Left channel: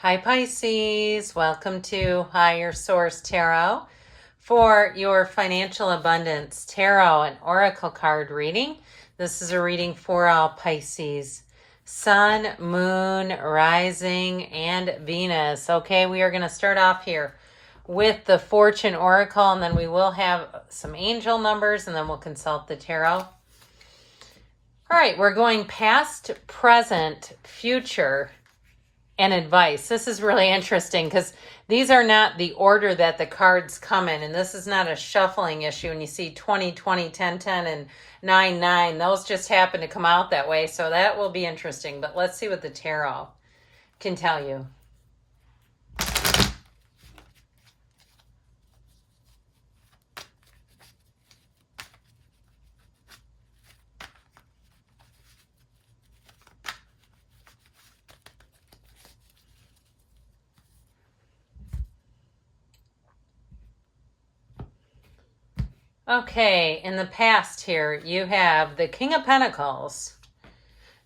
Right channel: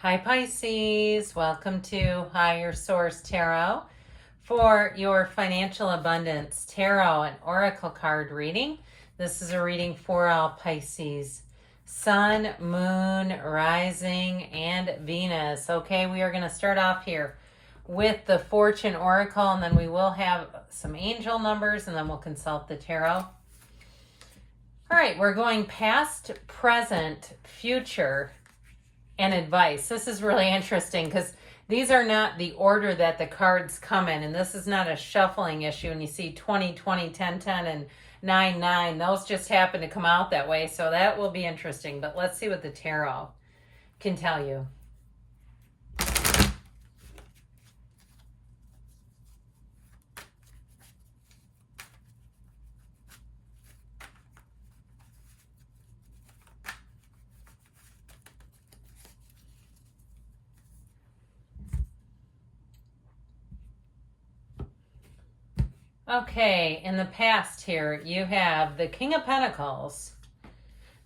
Hi Pisces, welcome to Higher Source Tarot for your Financial Abundance Tarot and Oracle card reading. This is a reading for all Pisces. Sun, Moon, Rising, and Venus. Okay, we are going to start off here with the Fortune Oracle, and then we will have some angel numbers, and then we'll consult the tarot. All right, we're going past, present, future, and advice. This is really interesting because these are not the order that the cards come in, and this is not a shuffling issue. And you see 20, 20, 10, 10, and 9, 9. Those just happen to come out that way, so that will be interesting. But let's see what the tarot can tell you. Okay, in the past here, you have the King of Pentacles,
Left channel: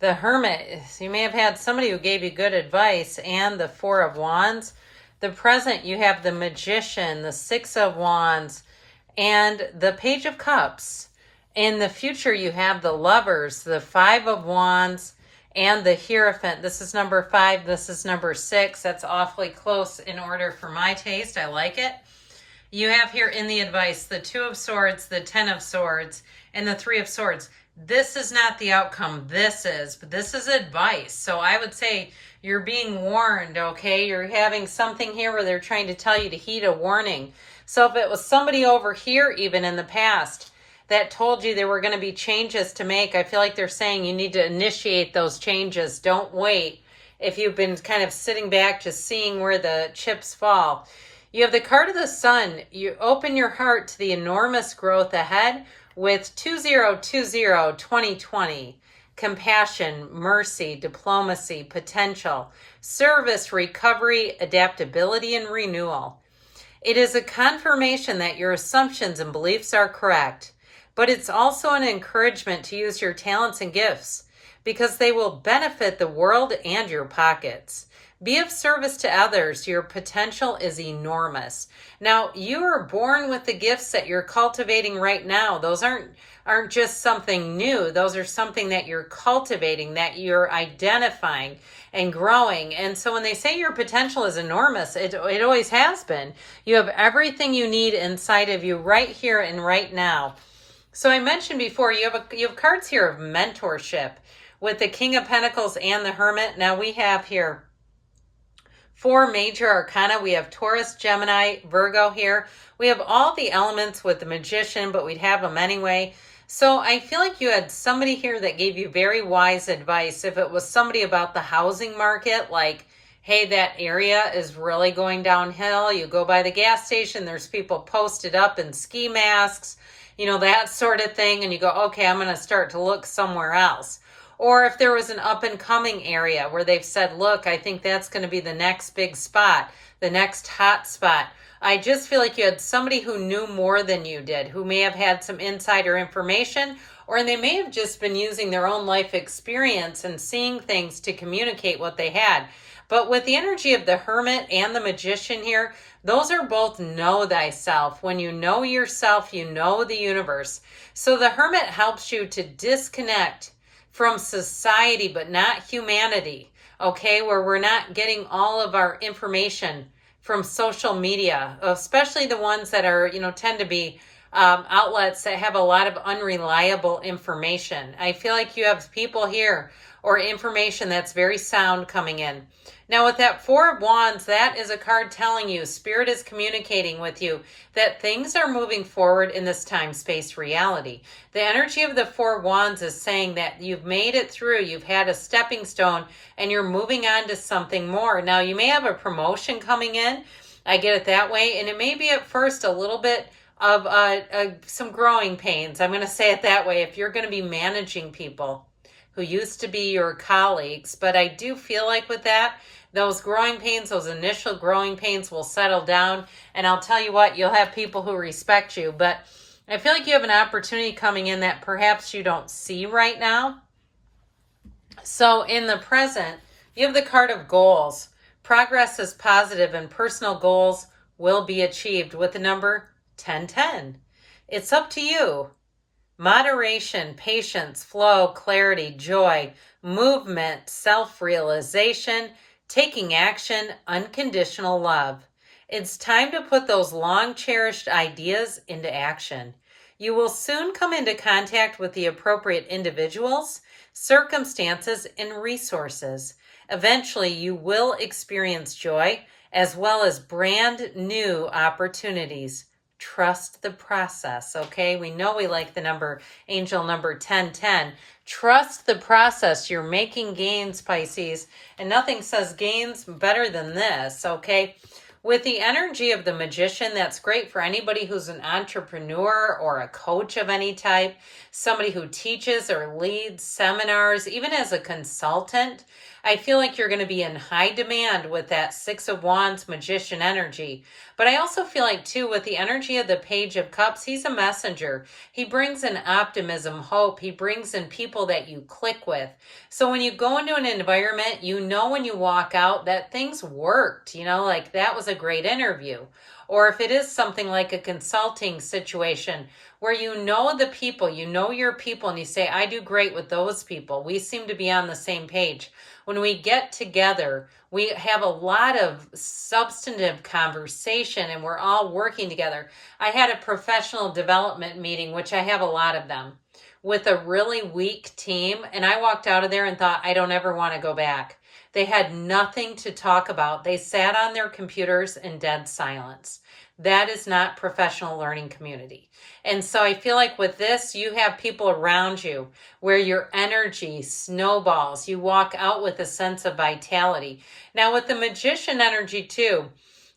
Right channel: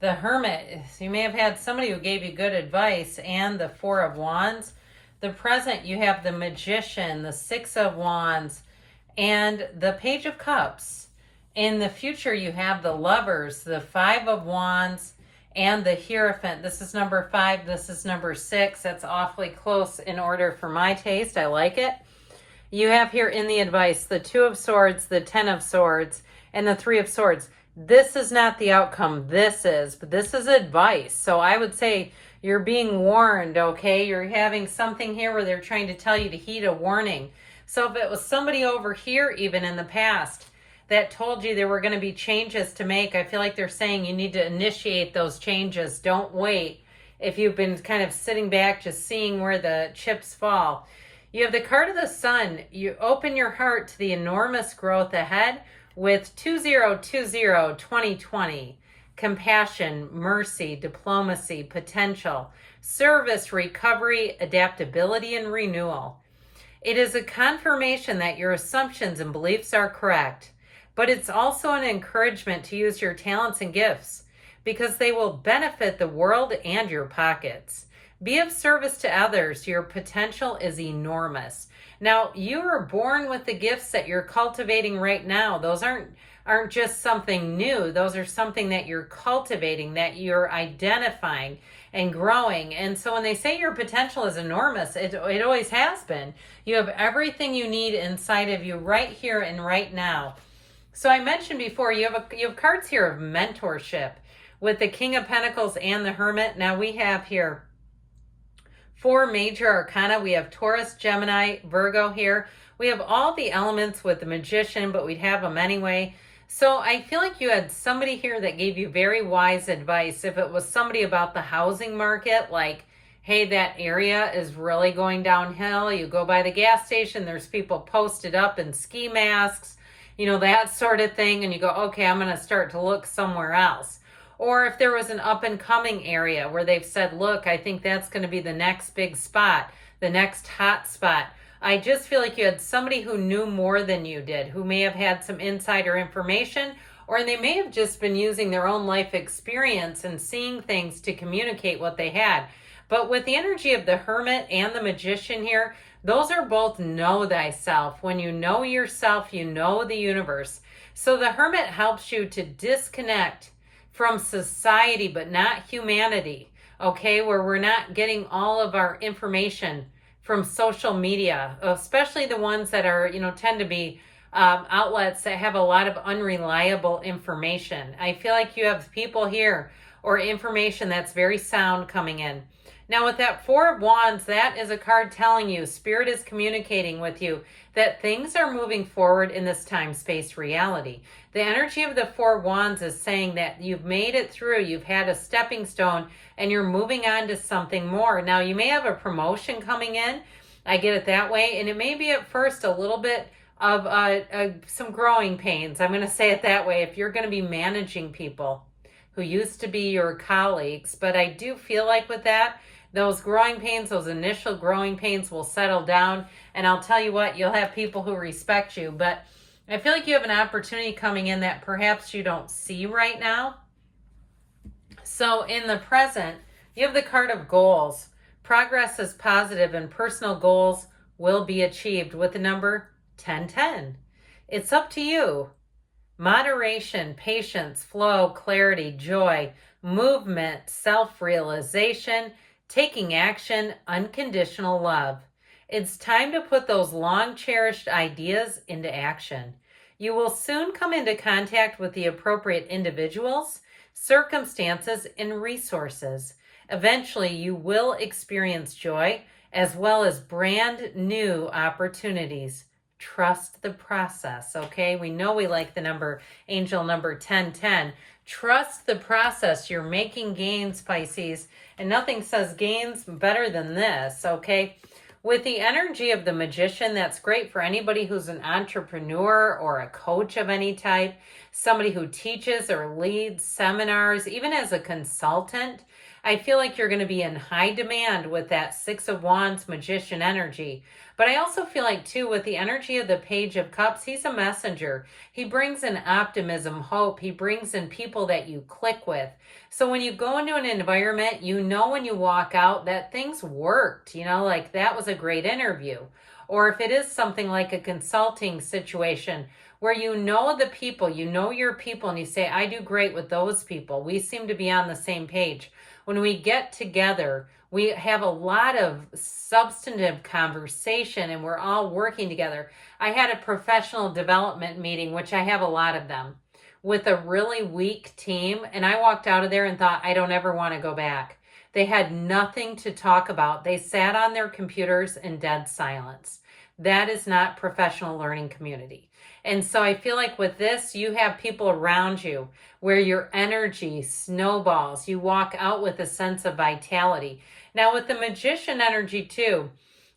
the Hermit. You may have had somebody who gave you good advice, and the Four of Wands. The present, you have the Magician, the Six of Wands, and the Page of Cups. In the future, you have the Lovers, the Five of Wands, and the Hierophant. This is number 5. This is number 6. That's awfully close in order for my taste. I like it. You have here in the advice the Two of Swords, the Ten of Swords, and the Three of Swords. This is not the outcome. This is, but this is advice. So I would say you're being warned, okay? You're having something here where they're trying to tell you to heed a warning. So if it was somebody over here, even in the past, that told you there were going to be changes to make, I feel like they're saying you need to initiate those changes. Don't wait if you've been kind of sitting back just seeing where the chips fall. You have the card of the Sun. You open your heart to the enormous growth ahead with 2020. Compassion, mercy, diplomacy, potential, service, recovery, adaptability, and renewal. It is a confirmation that your assumptions and beliefs are correct, but it's also an encouragement to use your talents and gifts because they will benefit the world and your pockets. Be of service to others. Your potential is enormous. Now, you are born with the gifts that you're cultivating right now. Those aren't just something new. Those are something that you're cultivating, that you're identifying and growing. And so when they say your potential is enormous, it always has been. You have everything you need inside of you right here and right now. So I mentioned before, you have cards here of mentorship with the King of Pentacles and the Hermit. Now we have here 4 major arcana. We have Taurus, Gemini, Virgo here. We have all the elements with the Magician, but we'd have them anyway. So I feel like you had somebody here that gave you very wise advice. If it was somebody about the housing market, like, hey, that area is really going downhill. You go by the gas station, there's people posted up in ski masks, that sort of thing. And you go, okay, I'm going to start to look somewhere else. Or if there was an up and coming area where they've said, look, I think that's going to be the next big spot, the next hot spot. I just feel like you had somebody who knew more than you did, who may have had some insider information, or they may have just been using their own life experience and seeing things to communicate what they had. But with the energy of the Hermit and the Magician here, those are both know thyself. When you know yourself, you know the universe. So the Hermit helps you to disconnect from society, but not humanity, okay? Where we're not getting all of our information from social media, especially the ones that are, tend to be outlets that have a lot of unreliable information. I feel like you have people here or information that's very sound coming in. Now with that Four of Wands, that is a card telling you, Spirit is communicating with you that things are moving forward in this time-space reality. The energy of the Four of Wands is saying that you've made it through, you've had a stepping stone, and you're moving on to something more. Now you may have a promotion coming in, I get it that way, and it may be at first a little bit of some growing pains. I'm going to say it that way if you're going to be managing people who used to be your colleagues. But I do feel like with that, those growing pains, those initial growing pains will settle down. And I'll tell you what, you'll have people who respect you. But I feel like you have an opportunity coming in that perhaps you don't see right now. So in the present, you have the card of goals. Progress is positive and personal goals will be achieved with the number 1010. It's up to you. Moderation, patience, flow, clarity, joy, movement, self-realization, taking action, unconditional love. It's time to put those long-cherished ideas into action. You will soon come into contact with the appropriate individuals, circumstances, and resources. Eventually, you will experience joy as well as brand new opportunities. Trust the process, okay? We know we like the angel number 1010. Trust the process. You're making gains, Pisces, and nothing says gains better than this, okay? With the energy of the magician, that's great for anybody who's an entrepreneur or a coach of any type, somebody who teaches or leads seminars, even as a consultant. I feel like you're going to be in high demand with that Six of Wands magician energy. But I also feel like, too, with the energy of the Page of Cups, he's a messenger. He brings in optimism, hope. He brings in people that you click with. So when you go into an environment, you know when you walk out that things worked, like that was a great interview. Or if it is something like a consulting situation where you know the people, you know your people, and you say, I do great with those people. We seem to be on the same page. When we get together, we have a lot of substantive conversation and we're all working together. I had a professional development meeting, which I have a lot of them, with a really weak team. And I walked out of there and thought, I don't ever want to go back. They had nothing to talk about. They sat on their computers in dead silence. That is not professional learning community. And so I feel like with this, you have people around you where your energy snowballs. You walk out with a sense of vitality. Now with the magician energy too,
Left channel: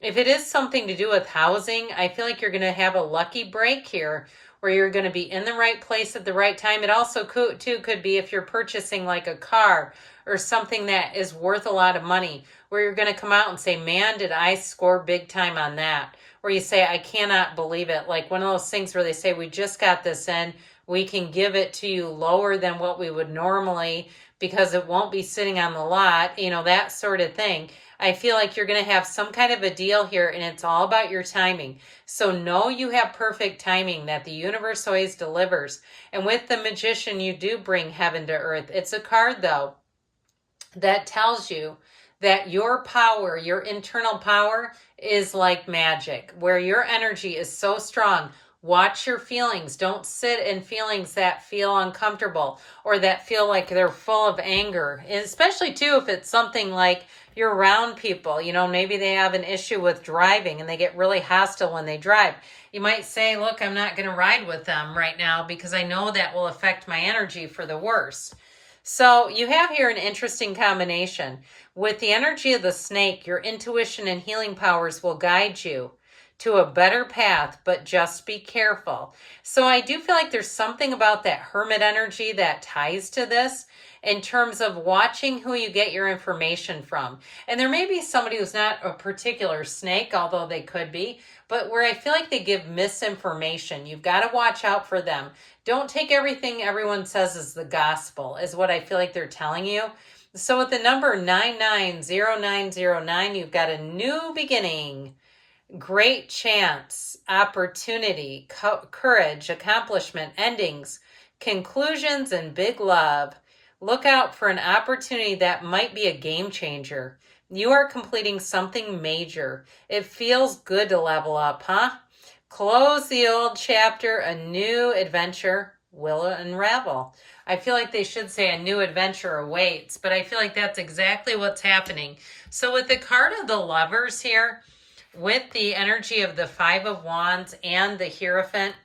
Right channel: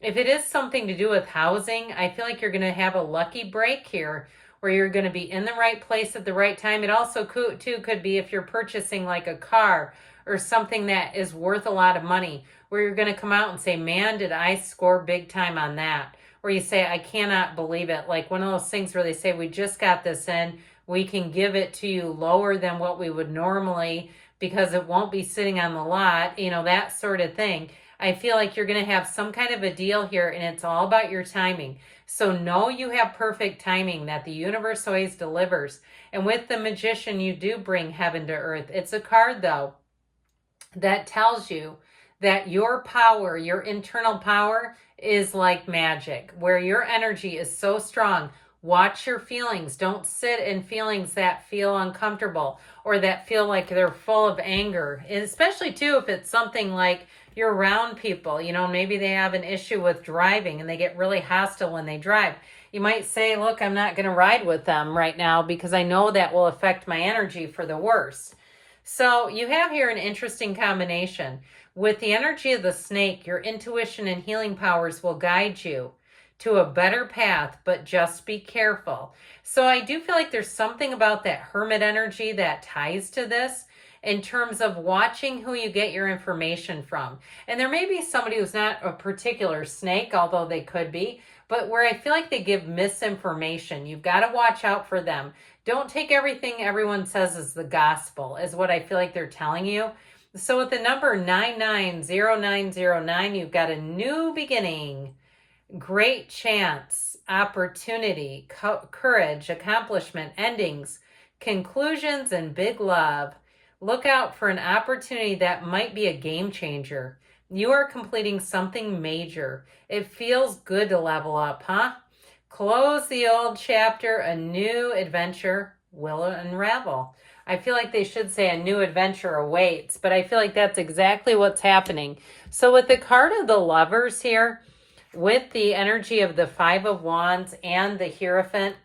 if it is something to do with housing, I feel like you're going to have a lucky break here where you're going to be in the right place at the right time. It also could be if you're purchasing like a car or something that is worth a lot of money, where you're going to come out and say, man, did I score big time on that? Where you say, I cannot believe it. Like one of those things where they say, we just got this in. We can give it to you lower than what we would normally because it won't be sitting on the lot, that sort of thing. I feel like you're going to have some kind of a deal here, and it's all about your timing. So know you have perfect timing, that the universe always delivers. And with the magician, you do bring heaven to earth. It's a card, though, that tells you that your power, your internal power, is like magic, where your energy is so strong. Watch your feelings. Don't sit in feelings that feel uncomfortable or that feel like they're full of anger. And especially, too, if it's something like you're around people, maybe they have an issue with driving and they get really hostile when they drive. You might say, look, I'm not going to ride with them right now because I know that will affect my energy for the worse. So you have here an interesting combination. With the energy of the snake, your intuition and healing powers will guide you to a better path, but just be careful. So I do feel like there's something about that hermit energy that ties to this in terms of watching who you get your information from. And there may be somebody who's not a particular snake, although they could be, but where I feel like they give misinformation. You've got to watch out for them. Don't take everything everyone says as the gospel, is what I feel like they're telling you. So with the number 990909, you've got a new beginning, great chance, opportunity, courage, accomplishment, endings, conclusions, and big love. Look out for an opportunity that might be a game changer. You are completing something major. It feels good to level up, huh? Close the old chapter, a new adventure will unravel. I feel like they should say a new adventure awaits, but I feel like that's exactly what's happening. So with the card of the Lovers here, with the energy of the Five of Wands and the Hierophant,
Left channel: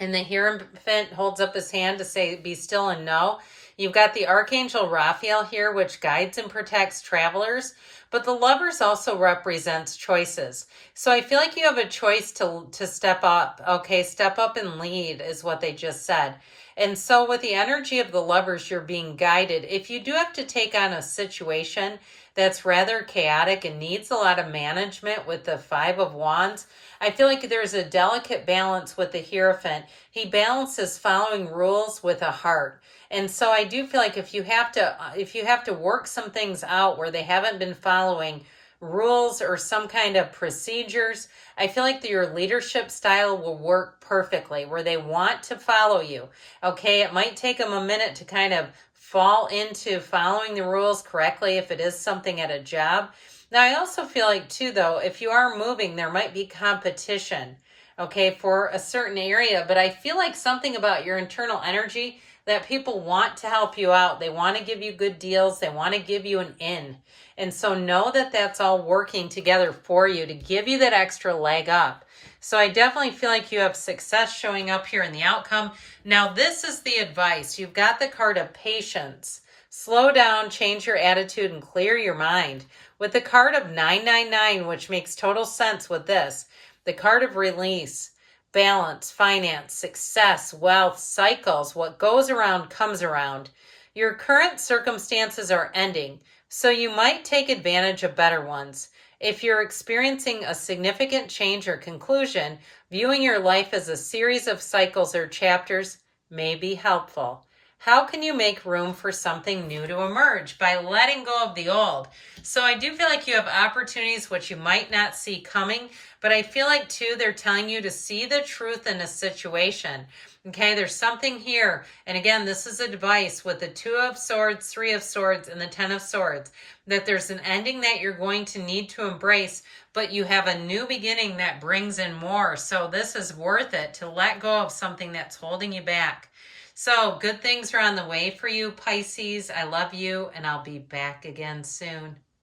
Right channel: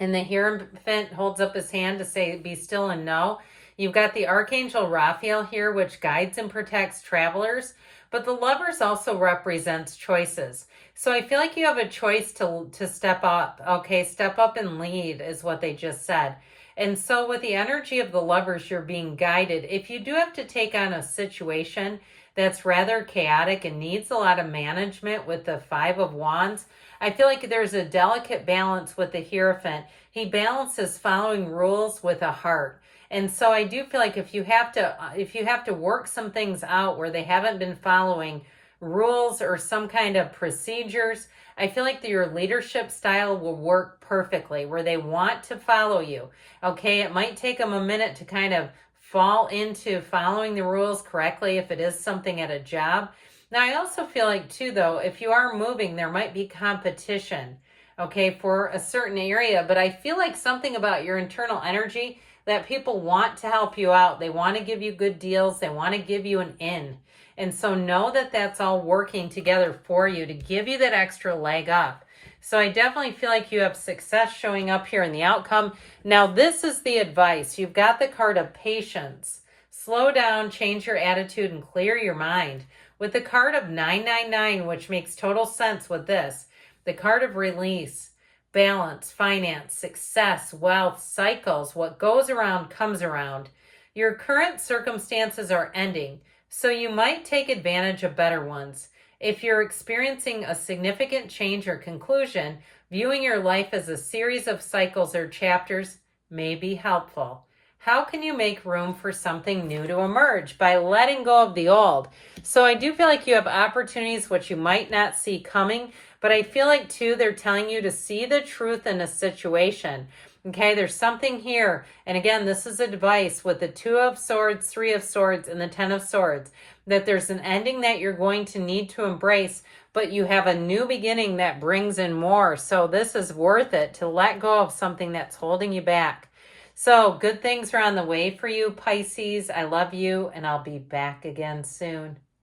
and the Hierophant holds up his hand to say, be still and know. You've got the Archangel Raphael here, which guides and protects travelers, but the Lovers also represents choices. So I feel like you have a choice to step up. Okay, step up and lead is what they just said. And so with the energy of the Lovers, you're being guided. If you do have to take on a situation that's rather chaotic and needs a lot of management with the Five of Wands, I feel like there's a delicate balance with the Hierophant. He balances following rules with a heart. And so I do feel like if you have to work some things out where they haven't been following rules or some kind of procedures, I feel like your leadership style will work perfectly where they want to follow you. Okay, it might take them a minute to kind of fall into following the rules correctly if it is something at a job. Now, I also feel like too, though, if you are moving, there might be competition, okay, for a certain area, but I feel like something about your internal energy that people want to help you out. They want to give you good deals. They want to give you an in. And so know that that's all working together for you to give you that extra leg up. So I definitely feel like you have success showing up here in the outcome. Now, this is the advice. You've got the card of patience. Slow down, change your attitude, and clear your mind. With the card of 999, which makes total sense with this, the card of release, balance, finance, success, wealth, cycles, what goes around comes around. Your current circumstances are ending, so you might take advantage of better ones. If you're experiencing a significant change or conclusion, viewing your life as a series of cycles or chapters may be helpful. How can you make room for something new to emerge? By letting go of the old. So I do feel like you have opportunities which you might not see coming, but I feel like too they're telling you to see the truth in a situation. Okay, there's something here. And again, this is advice with the 2 of Swords, 3 of Swords, and the 10 of Swords, that there's an ending that you're going to need to embrace, but you have a new beginning that brings in more. So this is worth it to let go of something that's holding you back. So good things are on the way for you, Pisces. I love you, and I'll be back again soon.